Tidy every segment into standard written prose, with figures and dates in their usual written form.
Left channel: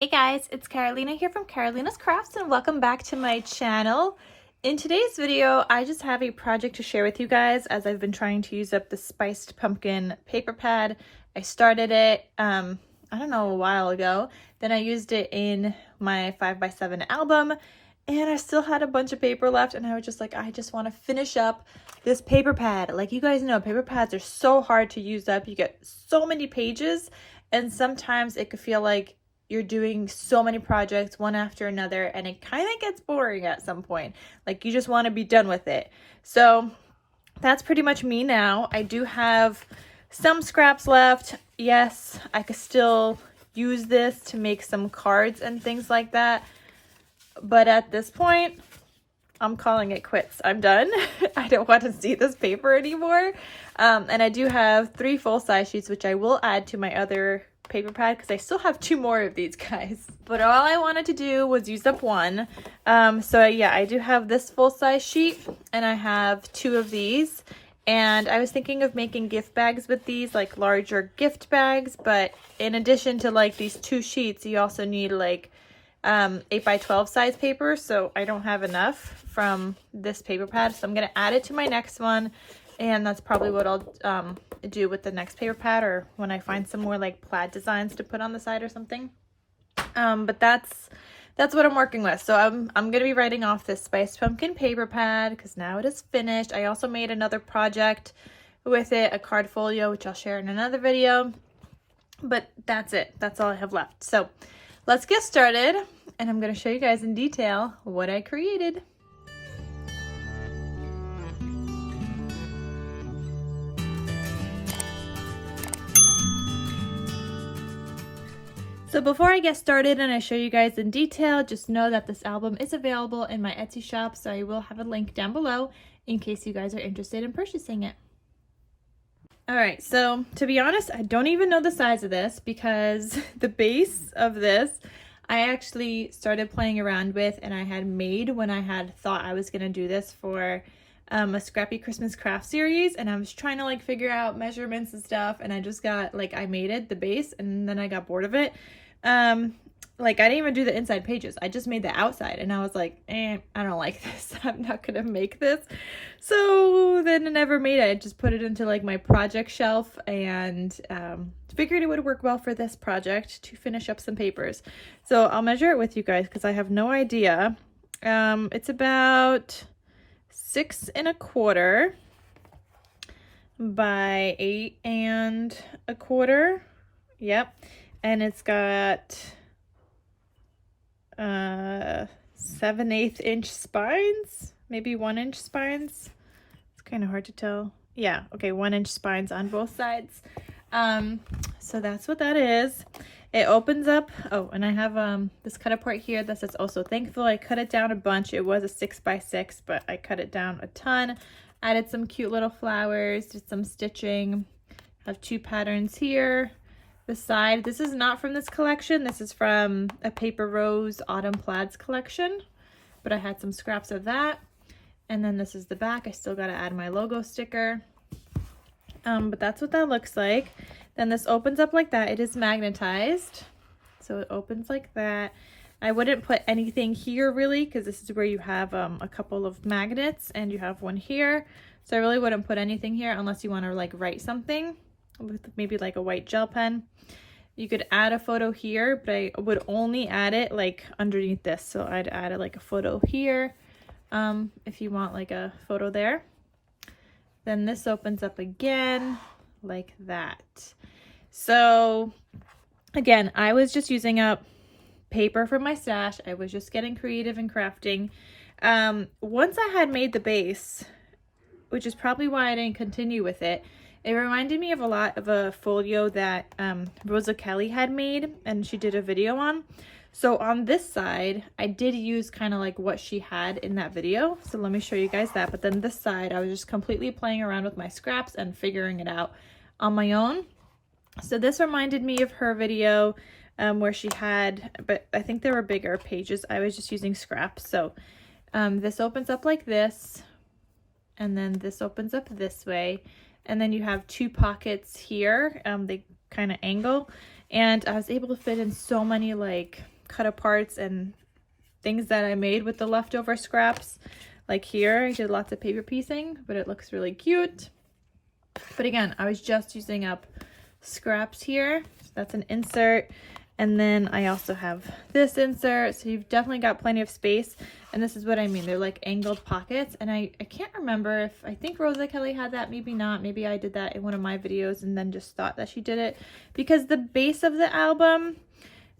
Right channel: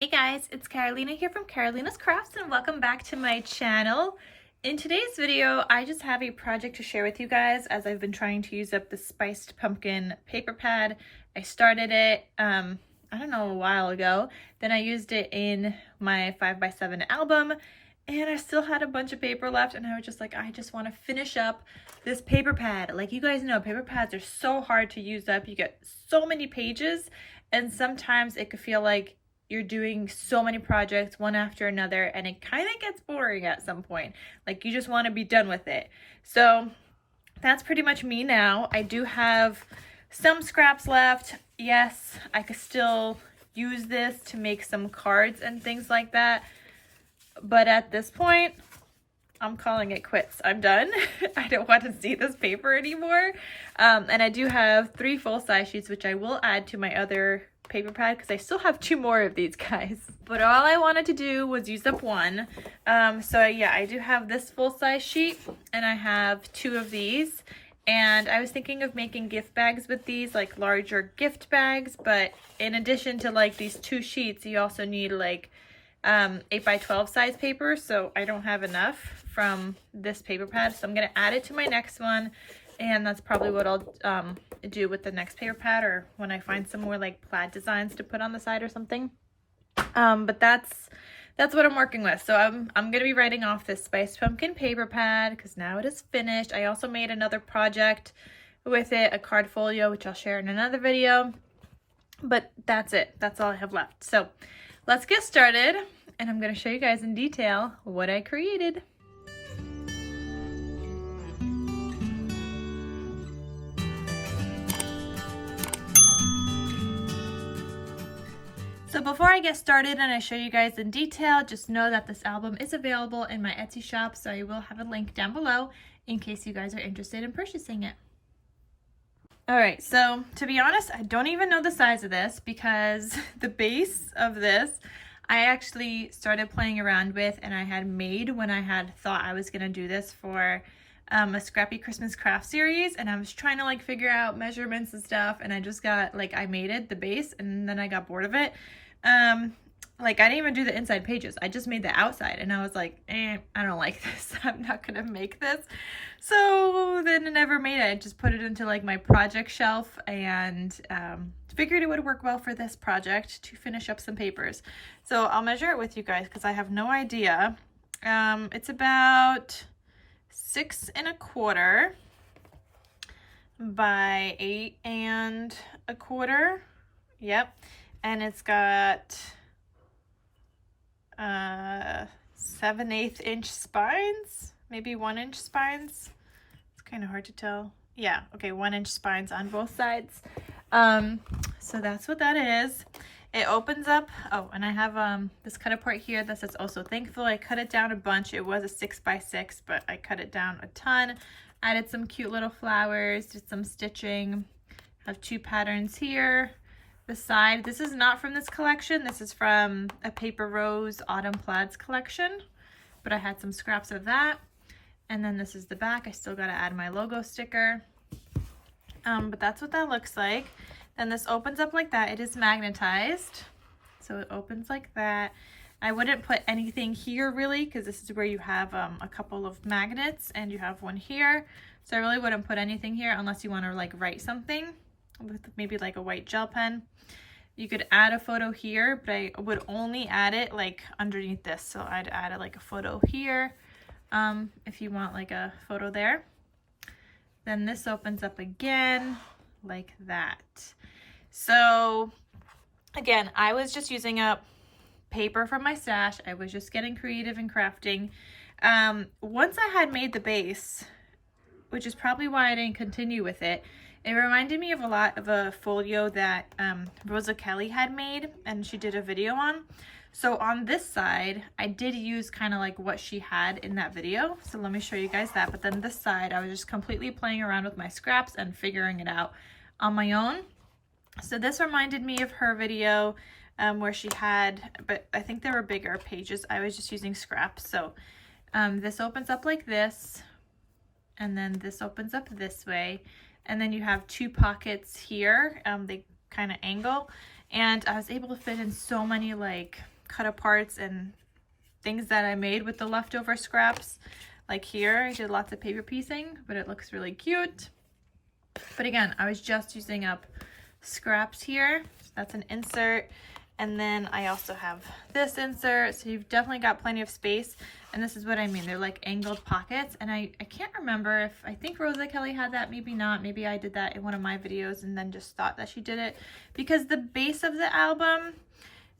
Hey guys, it's Carolina here from KarolinasKrafts and welcome back to my channel. In today's video, I just have a project to share with you guys as I've been trying to use up the spiced pumpkin paper pad. I started it, I don't know, a while ago. Then I used it in my 5x7 album and I still had a bunch of paper left and I was just like, I just want to finish up this paper pad. Like you guys know, paper pads are so hard to use up. You get so many pages and sometimes it could feel like you're doing so many projects one after another and it kind of gets boring at some point. Like you just want to be done with it. So that's pretty much me now. I do have some scraps left. Yes, I could still use this to make some cards and things like that. But at this point, I'm calling it quits. I'm done. I don't want to see this paper anymore. And I do have 3 full-size sheets, which I will add to my other paper pad because I still have 2 more of these guys. But all I wanted to do was use up 1. So yeah, I do have this full-size sheet and I have 2 of these. And I was thinking of making gift bags with these, like larger gift bags. But in addition to like these 2 sheets, you also need like 8x12 size paper, so I don't have enough from this paper pad, so I'm going to add it to my next one, and that's probably what I'll do with the next paper pad, or when I find some more like plaid designs to put on the side or something. But that's what I'm working with. So I'm going to be writing off this spiced pumpkin paper pad because now it is finished. I also made another project with it, a card folio, which I'll share in another video, but that's it. That's all I have left. So let's get started, and I'm going to show you guys in detail what I created. So before I get started and I show you guys in detail, just know that this album is available in my Etsy shop, so I will have a link down below in case you guys are interested in purchasing it. Alright, so to be honest, I don't even know the size of this because the base of this I actually started playing around with and I had made when I had thought I was going to do this for a Scrappy Christmas craft series, and I was trying to like figure out measurements and stuff, and I just got like, I made it, the base, and then I got bored of it. Like I didn't even do the inside pages, I just made the outside, and I was like, I don't like this. I'm not gonna make this. So then I never made it. I just put it into like my project shelf and figured it would work well for this project to finish up some papers. So I'll measure it with you guys because I have no idea. It's about 6 1/4 by 8 1/4. Yep. And it's got 7/8 inch spines, maybe 1 inch spines. It's kind of hard to tell. Yeah, okay, 1 inch spines on both sides. So that's what that is. It opens up. Oh, and I have this cut apart here that says "Also Thankful." I cut it down a bunch. It was a 6x6, but I cut it down a ton. Added some cute little flowers, did some stitching. Have 2 patterns here. The side, this is not from this collection. This is from a Paper Rose Autumn Plaids Collection, but I had some scraps of that. And then this is the back. I still got to add my logo sticker. But that's what that looks like. Then this opens up like that. It is magnetized, so it opens like that. I wouldn't put anything here really because this is where you have a couple of magnets and you have one here. So I really wouldn't put anything here unless you want to like write something with maybe like a white gel pen. You could add a photo here, but I would only add it like underneath this. So I'd add like a photo here if you want like a photo there. Then this opens up again like that. So again, I was just using up paper from my stash. I was just getting creative and crafting. Once I had made the base, which is probably why I didn't continue with it, it reminded me of a lot of a folio that Rosa Kelly had made and she did a video on. So on this side, I did use kind of like what she had in that video. So let me show you guys that. But then this side, I was just completely playing around with my scraps and figuring it out on my own. So this reminded me of her video where she had, but I think there were bigger pages. I was just using scraps. So this opens up like this, and then this opens up this way. And then you have 2 pockets here. They kind of angle. and I was able to fit in so many like cut aparts and things that I made with the leftover scraps. Like here, I did lots of paper piecing, but it looks really cute. But again, I was just using up scraps here. So that's an insert. And then I also have this insert. So you've definitely got plenty of space. And this is what I mean. They're like angled pockets. And I can't remember if, I think Rosa Kelly had that, maybe not. Maybe I did that in one of my videos and then just thought that she did it. Because the base of the album,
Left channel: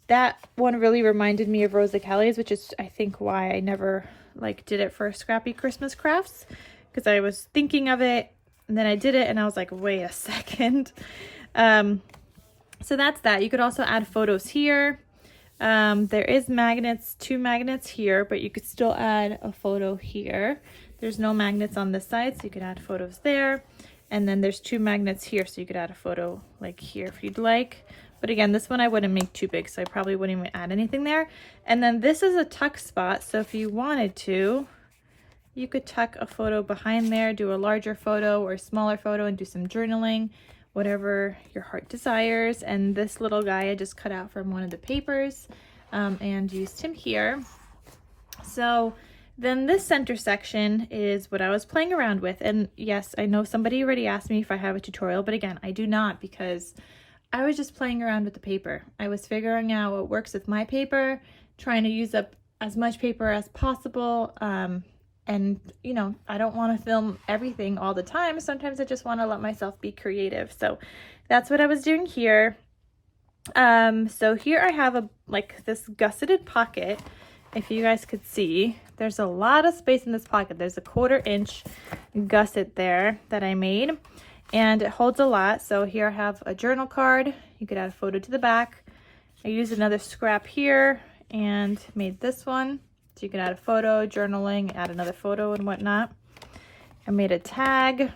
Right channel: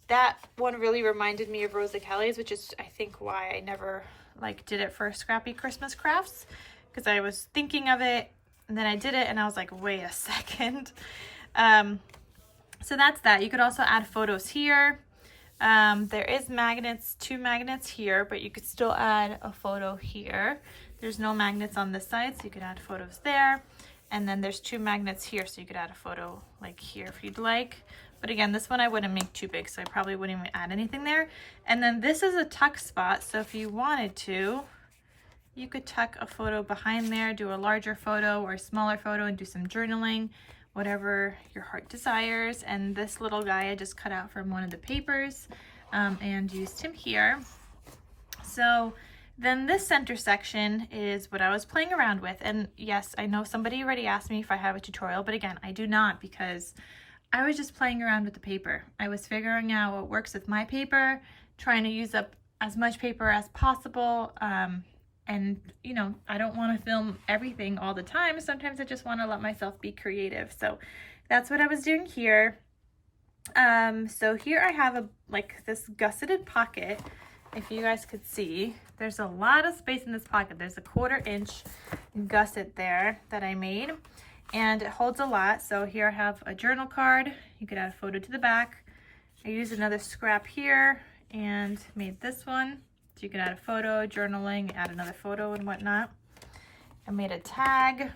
that one really reminded me of Rosa Kelly's, which is I think why I never like did it for Scrappy Christmas Crafts. Because I was thinking of it and then I did it and I was like, wait a second. So that's that. You could also add photos here. There is magnets, 2 magnets here, but you could still add a photo here. There's no magnets on this side, so you could add photos there. And then there's 2 magnets here, so you could add a photo like here if you'd like. But again, this one I wouldn't make too big, so I probably wouldn't even add anything there. And then this is a tuck spot, so if you wanted to, you could tuck a photo behind there, do a larger photo or a smaller photo and do some journaling, whatever your heart desires. And this little guy I just cut out from one of the papers and used him here. So then this center section is what I was playing around with. And yes, I know somebody already asked me if I have a tutorial, but again, I do not, because I was just playing around with the paper. I was figuring out what works with my paper, trying to use up as much paper as possible. And, you know, I don't want to film everything all the time. Sometimes I just want to let myself be creative. So that's what I was doing here. So here I have like this gusseted pocket. If you guys could see, there's a lot of space in this pocket. There's a 1/4 inch gusset there that I made, and it holds a lot. So here I have a journal card. You could add a photo to the back. I used another scrap here and made this one. So you can add a photo, journaling, add another photo and whatnot. I made a tag.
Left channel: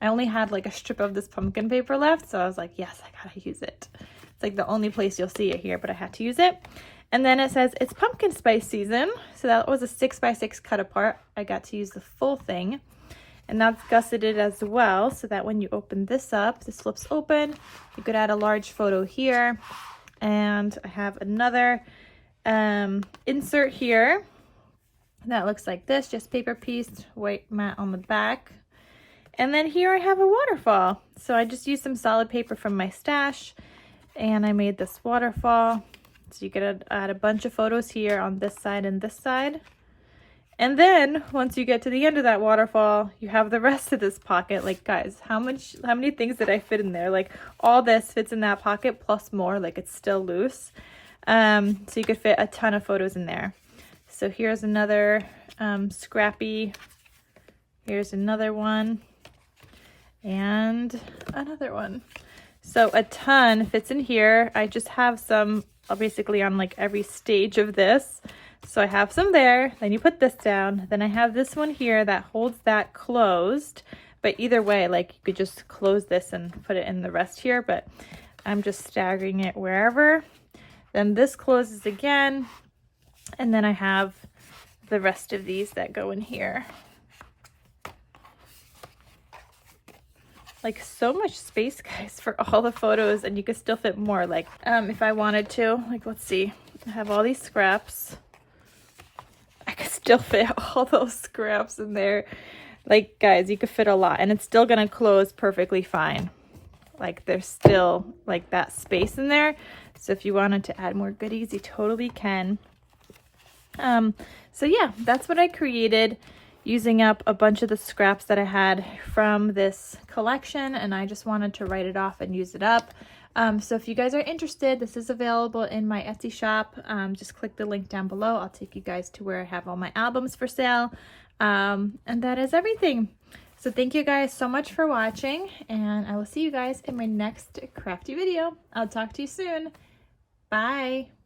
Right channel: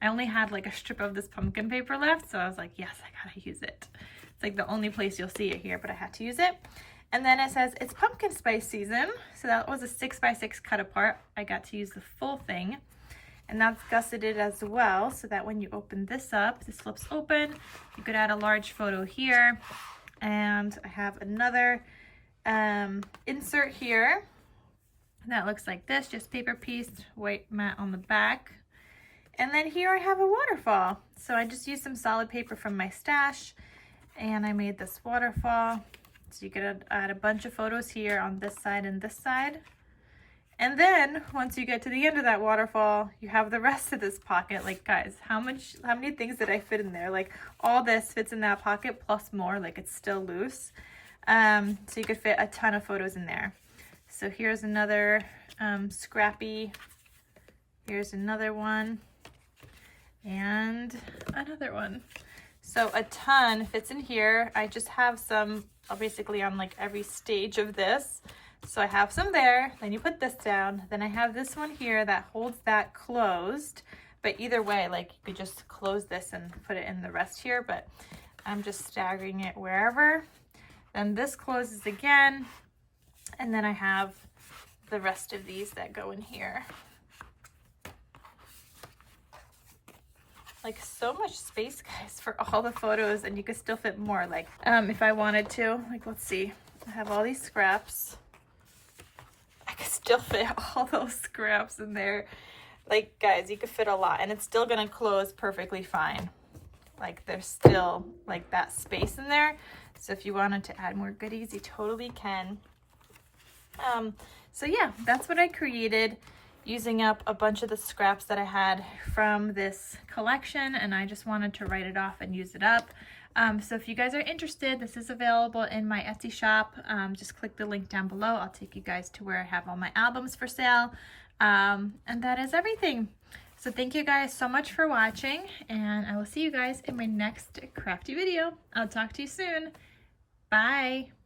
I only had like a strip of this pumpkin paper left, so I was like, yes, I gotta use it. It's like the only place you'll see it here, but I had to use it. And then it says it's pumpkin spice season. So that was a 6x6 cut apart. I got to use the full thing. And that's gusseted as well, so that when you open this up, this flips open. You could add a large photo here. And I have another insert here that looks like this, just paper pieced, white mat on the back. And then here I have a waterfall. So I just used some solid paper from my stash and I made this waterfall. So you could add a bunch of photos here on this side and this side. And then once you get to the end of that waterfall, you have the rest of this pocket. Like, guys, how many things did I fit in there? Like, all this fits in that pocket plus more. Like, it's still loose. So you could fit a ton of photos in there. So here's another scrappy. Here's another one. And another one. So a ton fits in here. I just have some basically on like every stage of this. So I have some there, then you put this down. Then I have this one here that holds that closed. But either way, like you could just close this and put it in the rest here, but I'm just staggering it wherever. Then this closes again. And then I have the rest of these that go in here. Like, so much space, guys, for all the photos, and you could still fit more. Like, if I wanted to, like, let's see, I have all these scraps. I could still fit all those scraps in there. Like, guys, you could fit a lot, and it's still gonna close perfectly fine. Like, there's still like that space in there. So if you wanted to add more goodies, you totally can. So yeah, that's what I created, using up a bunch of the scraps that I had from this collection, and I just wanted to write it off and use it up. So if you guys are interested, this is available in my Etsy shop. Just click the link down below. I'll take you guys to where I have all my albums for sale. And that is everything. So thank you guys so much for watching, and I will see you guys in my next crafty video. I'll talk to you soon. Bye.